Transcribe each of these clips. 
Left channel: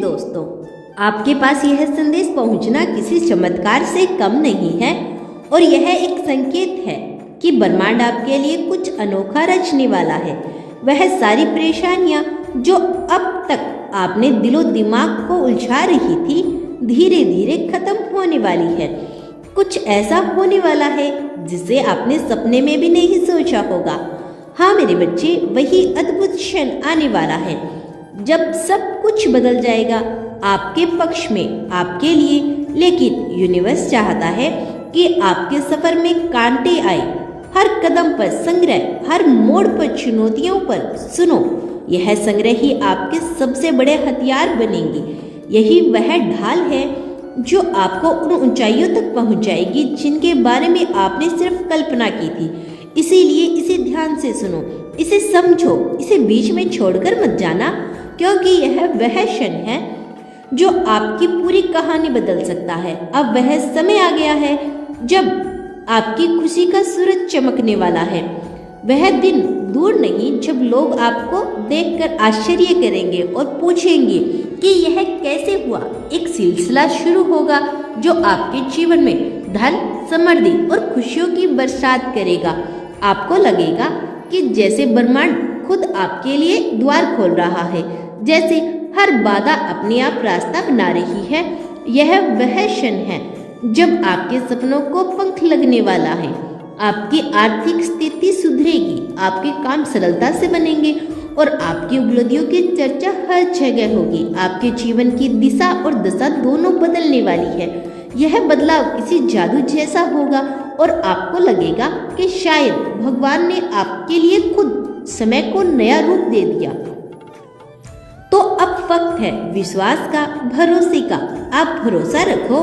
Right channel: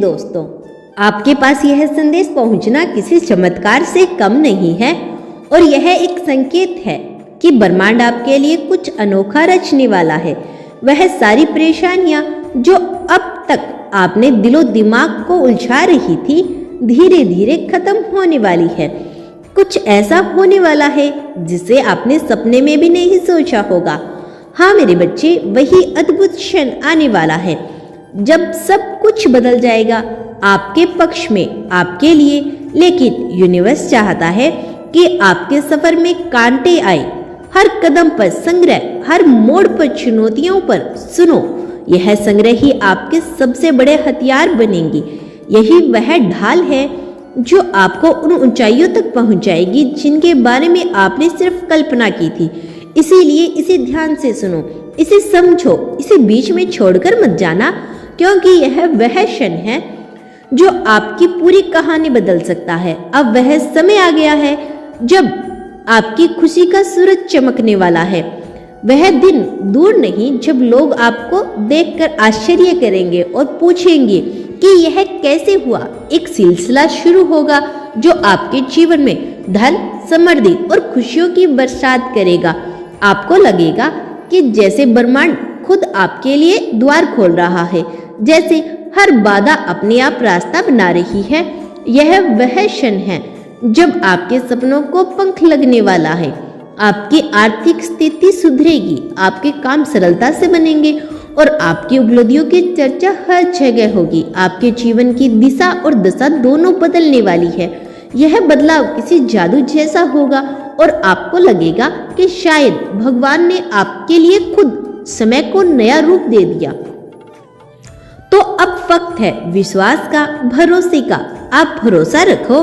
दोस्तों, आपके पास यह संदेश पहुंचना किसी चमत्कार से कम नहीं है और यह एक संकेत है कि ब्रह्मांड आपके लिए कुछ अनोखा रचने वाला है। वह सारी परेशानियां जो अब तक आपने दिलो दिमाग को उलझा रही थी, धीरे धीरे खत्म होने वाली है। कुछ ऐसा होने वाला है जिसे आपने सपने में भी नहीं सोचा होगा। हाँ मेरे बच्चे, वही अद्भुत क्षण आने वाला है जब सब कुछ बदल जाएगा आपके पक्ष में, आपके लिए। लेकिन यूनिवर्स चाहता है कि आपके सफर में कांटे आए, हर कदम पर संग्रह, हर मोड़ पर चुनौतियों पर सुनो। यह संग्रह ही आपके सबसे बड़े हथियार बनेंगे। यही वह ढाल है जो आपको उन ऊंचाइयों तक पहुंचाएगी जिनके बारे में आपने सिर्फ कल्पना की थी। इसीलिए इसे ध्यान से सुनो, इसे समझो, इसे बीच में छोड़कर मत जाना, क्योंकि यह वह क्षण है जो आपकी पूरी कहानी बदल सकता है। अब वह समय आ गया है जब आपकी खुशी का सूरज चमकने वाला है। वह दिन दूर नहीं जब लोग आपको देखकर आश्चर्य करेंगे और पूछेंगे कि यह कैसे हुआ। एक सिलसिला शुरू होगा जो आपके जीवन में धन, समृद्धि और खुशियों की बरसात करेगा। आपको लगेगा कि जैसे ब्रह्मांड खुद आपके लिए द्वार खोल रहा है, जैसे हर बाधा अपने आप रास्ता बना रही है। यह वह क्षण है जब आपके सपनों को पंख लगने वाला है। आपकी आर्थिक स्थिति सुधरेगी, आपके काम सरलता से बनेंगे और आपकी उपलब्धियों की चर्चा हर जगह होगी। आपके जीवन की दिशा और दशा दोनों बदलने वाली है। यह बदलाव किसी जादू जैसा होगा और आपको लगेगा कि शायद भगवान ने आपके लिए खुद समय को नया रूप दे दिया। तो अब वक्त है विश्वास का, भरोसे का। आप भरोसा रखो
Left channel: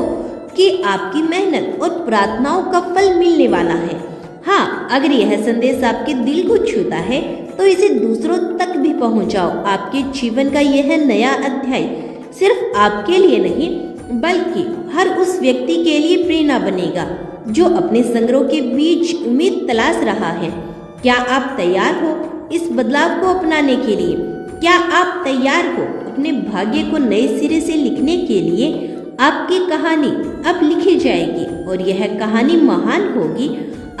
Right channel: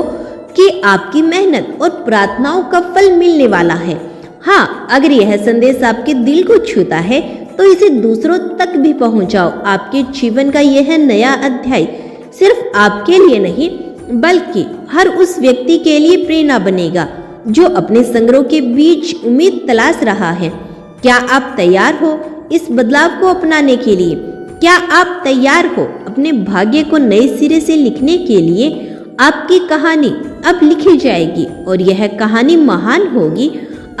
कि आपकी मेहनत और प्रार्थनाओं का फल मिलने वाला है। हाँ, अगर यह संदेश आपके दिल को छूता है तो इसे दूसरों तक भी पहुंचाओ। आपके जीवन का यह नया अध्याय सिर्फ आपके लिए नहीं बल्कि हर उस व्यक्ति के लिए प्रेरणा बनेगा जो अपने संग्रह के बीच उम्मीद तलाश रहा है। क्या आप तैयार हो इस बदलाव को अपनाने के लिए? क्या आप तैयार हो अपने भाग्य को नए सिरे से लिखने के लिए? आपकी कहानी अब लिखी जाएगी और यह कहानी महान होगी।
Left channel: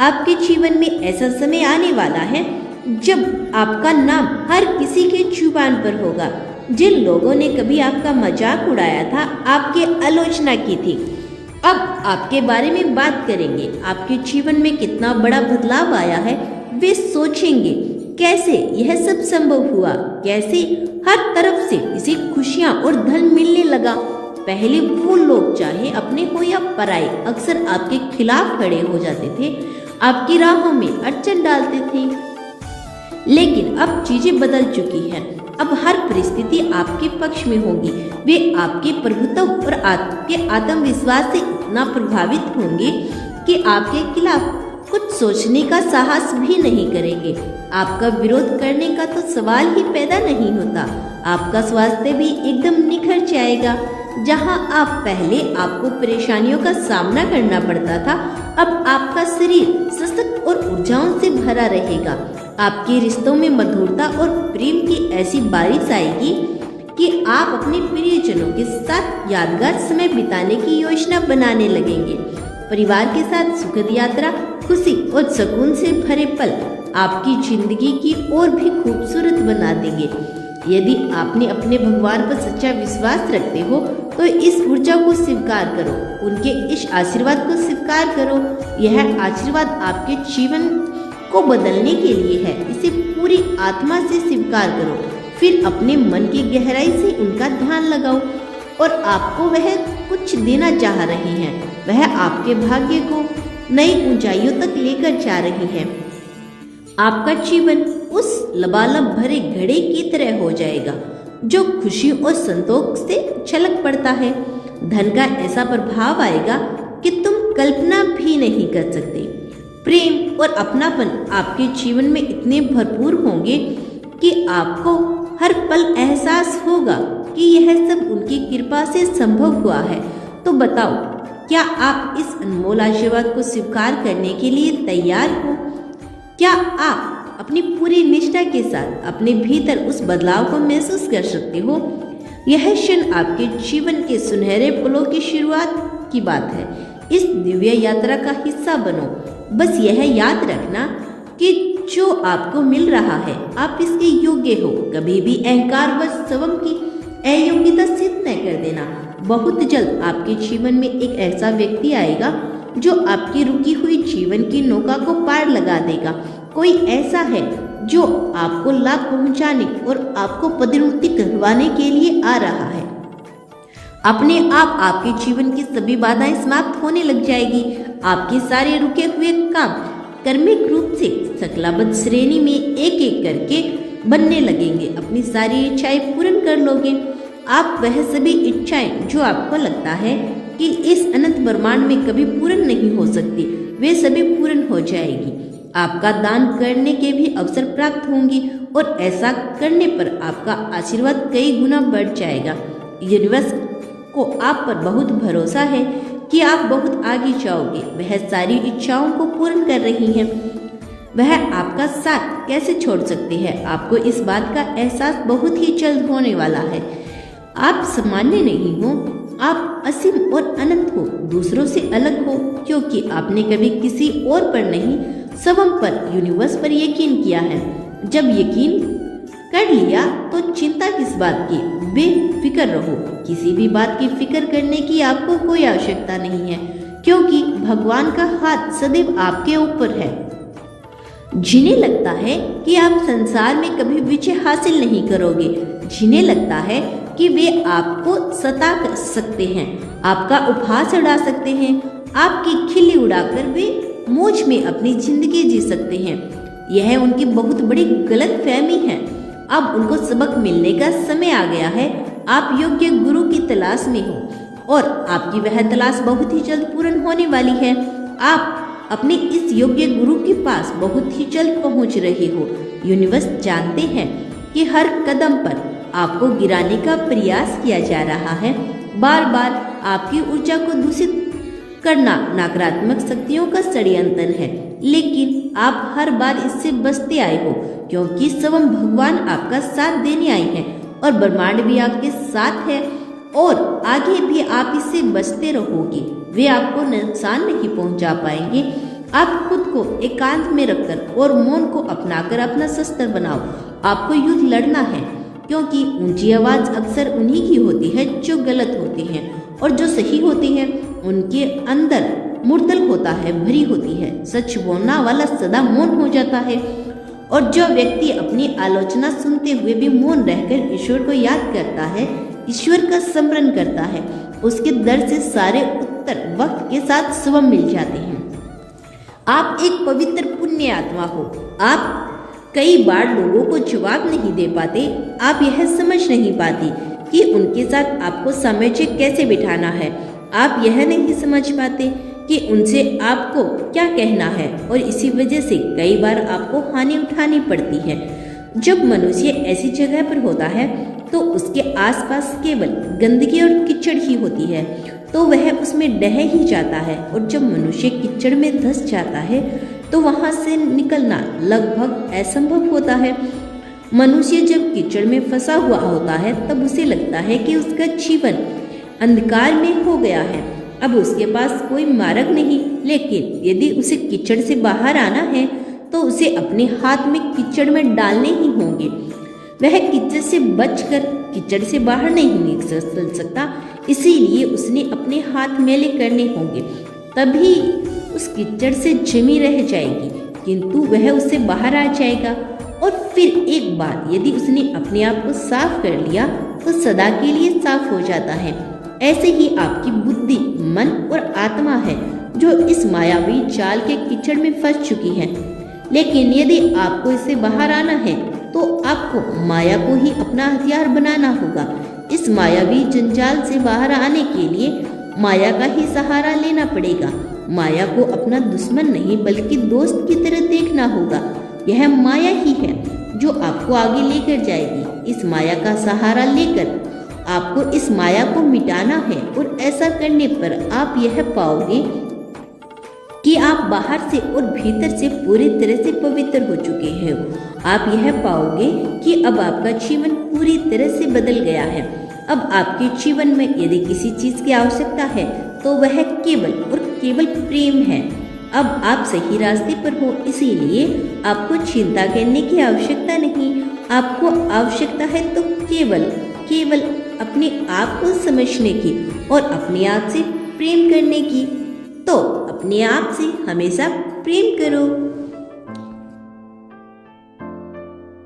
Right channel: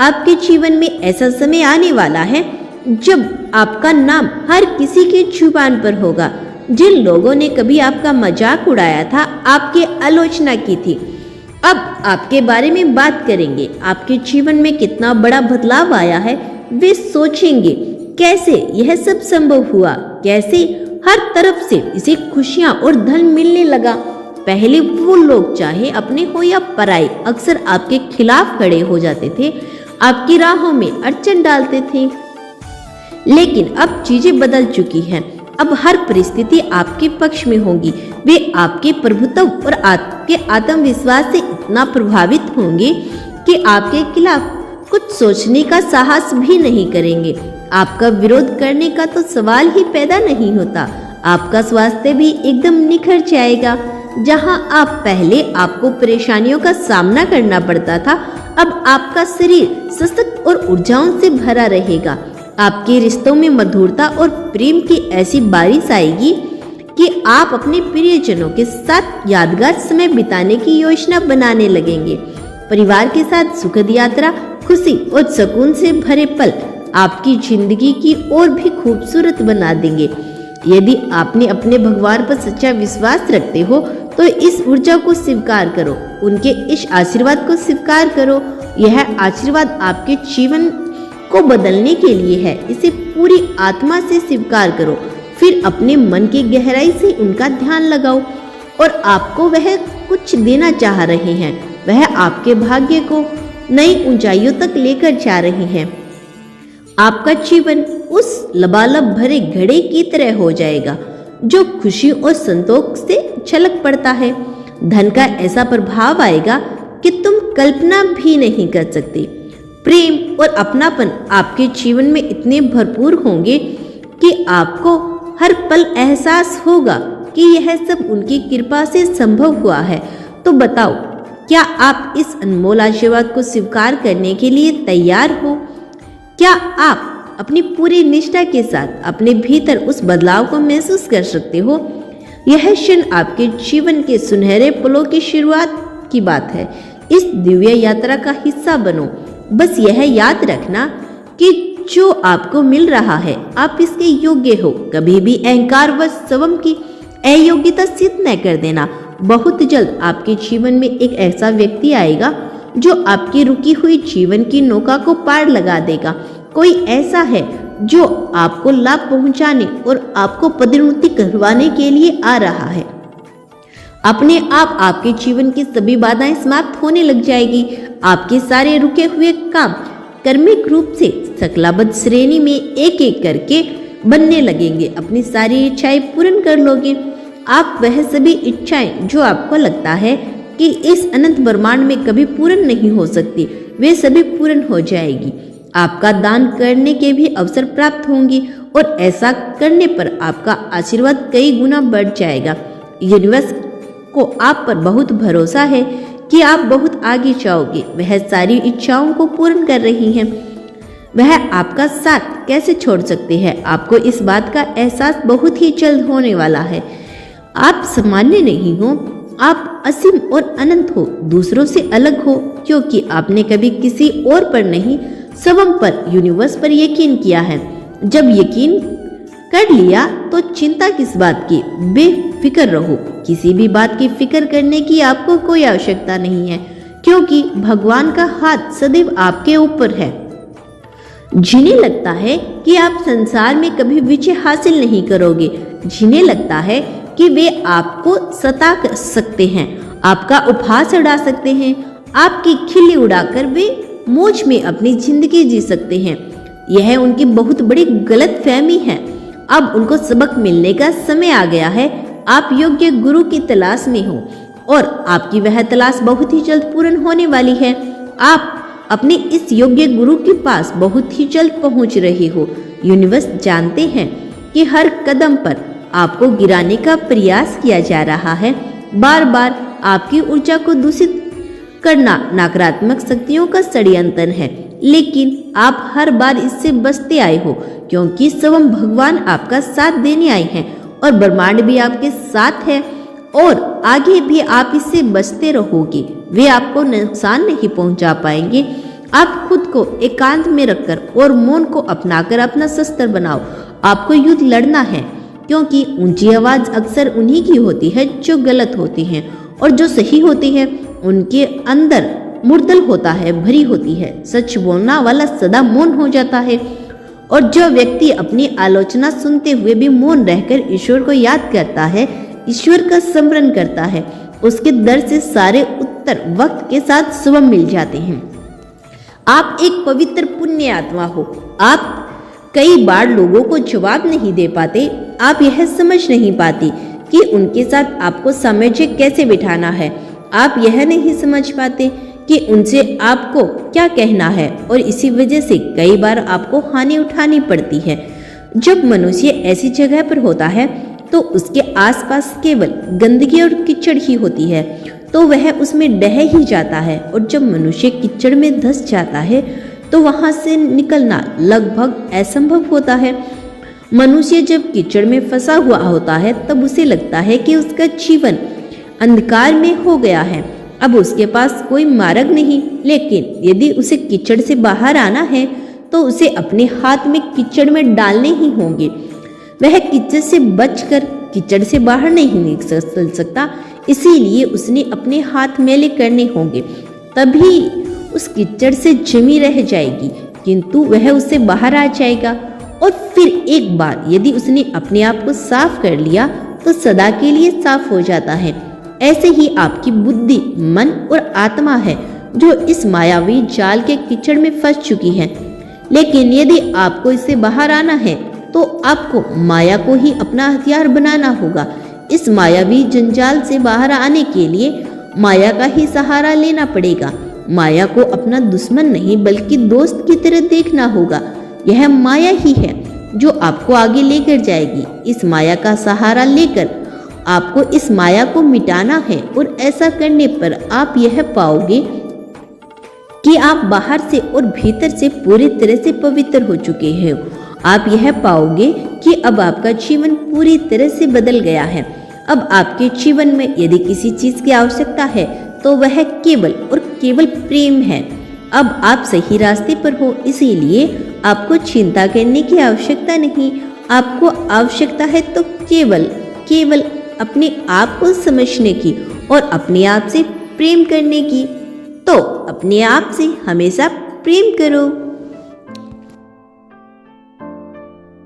आपके जीवन में ऐसा समय आने वाला है जब आपका नाम हर किसी की जुबान पर होगा। जिन लोगों ने कभी आपका मजाक उड़ाया था, आपकी आलोचना की थी, अब आपके बारे में बात करेंगे। आपके जीवन में कितना बड़ा बदलाव आया है वे सोचेंगे, कैसे यह सब संभव हुआ, कैसे हर तरफ से इसे खुशियां और धन मिलने लगा। पहले वो लोग चाहे अपने हो या पराए अक्सर आपके खिलाफ खड़े हो जाते थे, आपकी राहों में अड़चन डालते थे। लेकिन अब चीजें बदल चुकी हैं। अब हर परिस्थिति आपके पक्ष में होगी। वे आपके प्रभुत्व और आपके आत्मविश्वास से इतना प्रभावित होंगे कि आपके खिलाफ कुछ सोचने का साहस भी नहीं करेंगे। आपका विरोध करने का तो सवाल ही पैदा नहीं होता। आपका स्वास्थ्य भी एकदम निखर जाएगा। जहां आप पहले आपको परेशानियों का सामना करना पड़ता था, अब आपका शरीर सशक्त और ऊर्जाओं से भरा रहेगा। आपके रिश्तों में मधुरता और प्रेम की ऐसी बारिश आएगी कि आप अपने प्रियजनों के साथ यादगार समय बिताने की योजना बनाने लगेंगे। परिवार के साथ सुखद यात्रा, खुशी और सुकून से भरे पल आपकी जिंदगी की और भी खूबसूरत बना देंगे। यदि आपने अपने भगवान पर सच्चा विश्वास रखते हो तो इस ऊर्जा को स्वीकार करो, उनके इस आशीर्वाद को स्वीकार करो। यह आशीर्वाद आपके जीवन को बदलने के लिए है। इसे पूरी आत्मा से स्वीकार करो, फिर अपने मन की गहराई से उनका ध्यान लगाओ और आपको वह कुछ देना चाह रहे हैं। वह आपके भाग्य को नई ऊंचाइयों तक लेकर जा रहे हैं। आपका जीवन उस लबालब भरे घड़े की तरह हो जाएगा जो खुशी और संतोष से छलक पड़ता है। धन का ऐसा प्रभाव आएगा कि तुम कल्पना भी नहीं कर सकते। प्रेम और अपनापन आपके जीवन में इतने भरपूर होंगे कि आपको हर पल एहसास होगा कि यह सब उनकी कृपा से संभव हुआ है। तो बताओ, क्या आप इस अनमोल आशीर्वाद को स्वीकार करने के लिए तैयार हो? क्या आप अपनी पूरी निष्ठा के साथ अपने भीतर उस बदलाव को महसूस कर सकते हो? यह क्षण आपके जीवन के सुनहरे पलों की शुरुआत की बात है। इस दिव्य यात्रा का हिस्सा बनो। बस यह याद रखना कि जो आपको मिल रहा है आप इसके योग्य हो। कभी भी अहंकार व स्वयं की अयोग्यता सिद्ध न कर देना। बहुत जल्द आपके जीवन में एक ऐसा व्यक्ति आएगा जो आपकी रुकी हुई जीवन की नौका को पार लगा देगा। कोई ऐसा है जो आपको लाभ पहुंचाने और आपको पदोन्नति करवाने के लिए आ रहा है। अपने आप आपके जीवन की सभी बाधाएं समाप्त होने लग जाएगी। आपके सारे रुके हुए काम कर्मिक रूप से शक्लाबद्ध श्रेणी में एक एक करके बनने लगेंगे। अपनी सारी इच्छाएं पूर्ण कर लोगे। आप वह सभी इच्छाएं जो आपको लगता है कि इस अनंत ब्रह्मांड में कभी पूर्ण नहीं हो सकती, वे सभी पूर्ण हो जाएगी। आपका दान करने के भी अवसर प्राप्त होंगे और ऐसा करने पर आपका आशीर्वाद कई गुना बढ़ जाएगा। यूनिवर्स को आप पर बहुत भरोसा है कि आप बहुत आगे जाओगे। वह सारी इच्छाओं को पूर्ण कर रही हैं। वह आपका साथ कैसे छोड़ सकते हैं? आपको इस बात का एहसास बहुत ही जल्द होने वाला है। आप सामान्य नहीं हो, आप असीम और अनंत हो, दूसरों से अलग हो, क्योंकि आपने कभी किसी और पर नहीं, स्वयं पर, यूनिवर्स पर यकीन किया है। जब यकीन कर लिया तो चिंता किस बात की? बेफिक्र रहो। किसी भी बात की फिक्र करने की आपको कोई आवश्यकता नहीं है, क्योंकि भगवान का हाथ सदैव आपके ऊपर है। जिन्हें लगता है कि आप संसार में कभी विजय हासिल नहीं करोगे, जिन्हें लगता है कि वे आपको सता सकते हैं, आपका उपहास उड़ा सकते हैं, आपकी खिल्ली उड़ाकर वे मौज में अपनी जिंदगी जी सकते हैं, यह उनकी बहुत बड़ी गलतफहमी है। अब उनको सबक मिलने का समय आ गया है। आप योग्य गुरु की तलाश में हो और आपकी वह तलाश बहुत ही जल्द पूर्ण होने वाली है। आप अपने इस योग्य गुरु के पास बहुत ही जल्द पहुंच रहे हो। यूनिवर्स जानते हैं कि हर कदम पर आपको गिराने का प्रयास किया जा रहा है। बार बार आपकी ऊर्जा को दूषित करना नकारात्मक शक्तियों का षड्यंत्र है, लेकिन आप हर बार इससे बचते आए हो, क्योंकि स्वयं भगवान आपका साथ देने आए हैं और ब्रह्मांड भी आपके साथ है और आगे भी आप इससे बचते रहोगे। वे आपको नुकसान नहीं पहुंचा पाएंगे। आप खुद को एकांत में रखकर और मौन को अपनाकर अपना शस्त्र बनाओ। आपको युद्ध लड़ना है, क्योंकि ऊंची आवाज अक्सर उन्हीं की होती है जो गलत होती हैं, और जो सही होती है उनके अंदर मुर्दल होता है, भरी होती है। सच बोलना वाला सदा मौन हो जाता है, और जो व्यक्ति अपनी आलोचना सुनते हुए भी मौन रहकर ईश्वर को याद करता है, ईश्वर का स्मरण करता है, उसके दर से सारे उत्तर वक्त के साथ स्वयं मिल जाते हैं। आप एक पवित्र पुण्य आत्मा हो। आप कई बार लोगों को जवाब नहीं दे पाते। आप यह समझ नहीं पाती कि उनके साथ आपको सामंजस्य कैसे बिठाना है। आप यह नहीं समझ पाते कि उनसे आपको क्या कहना है, और इसी वजह से कई बार आपको हानि उठानी पड़ती है। जब मनुष्य ऐसी जगह पर होता है तो उसके आसपास केवल गंदगी और कीचड़ ही होती है, तो वह उसमें ढह ही जाता है। और जब मनुष्य कीचड़ में धंस जाता है तो वहां से निकलना लगभग असंभव होता है। मनुष्य जब कीचड़ में फंसा हुआ होता है तब उसे लगता है कि उसका जीवन अंधकार में हो गया है, अब उसके पास कोई मार्ग नहीं। लेकिन यदि उसे कीचड़ से बाहर आना है तो उसे अपने हाथ में कीचड़ में डालने ही होंगे। वह कीचड़ से बचकर कीचड़ से बाहर नहीं निकल सकता, इसीलिए उसने अपने हाथ मैले करने होंगे, तभी उस कीचड़ से जमी रह जाएगी, किंतु वह उससे बाहर आ जाएगा। और फिर एक बार यदि उसने अपने आप को साफ कर लिया तो सदा के लिए साफ हो जाता है। ऐसे ही आपकी बुद्धि, मन और आत्मा है जो इस मायावी जाल के कीचड़ में फंस चुकी है। लेकिन यदि आपको इससे बाहर आना है तो आपको माया को ही अपना हथियार बनाना होगा। इस मायावी जंजाल से बाहर आने के लिए माया का ही सहारा लेना पड़ेगा। माया को अपना दुश्मन नहीं बल्कि दोस्त की तरह देखना होगा। यह माया ही है जो आपको आगे लेकर जाएगी। इस माया का सहारा लेकर आपको इस माया को मिटाना है, और ऐसा करने पर आप यह पाओगे कि आप बाहर से और भीतर से पूरी तरह से पवित्र हो चुके हैं। आप यह पाओगे कि अब आपका जीवन पूरी तरह से बदल गया है। अब आपके जीवन में यदि किसी चीज की आवश्यकता है तो वह केवल और केवल प्रेम है। अब आप सही रास्ते पर हो, इसीलिए आपको चिंता करने की आवश्यकता नहीं। आपको आवश्यकता है तो केवल केवल अपने आप को समझने की और अपने आप से प्रेम करने की। तो अपने आप से हमेशा प्रेम करो।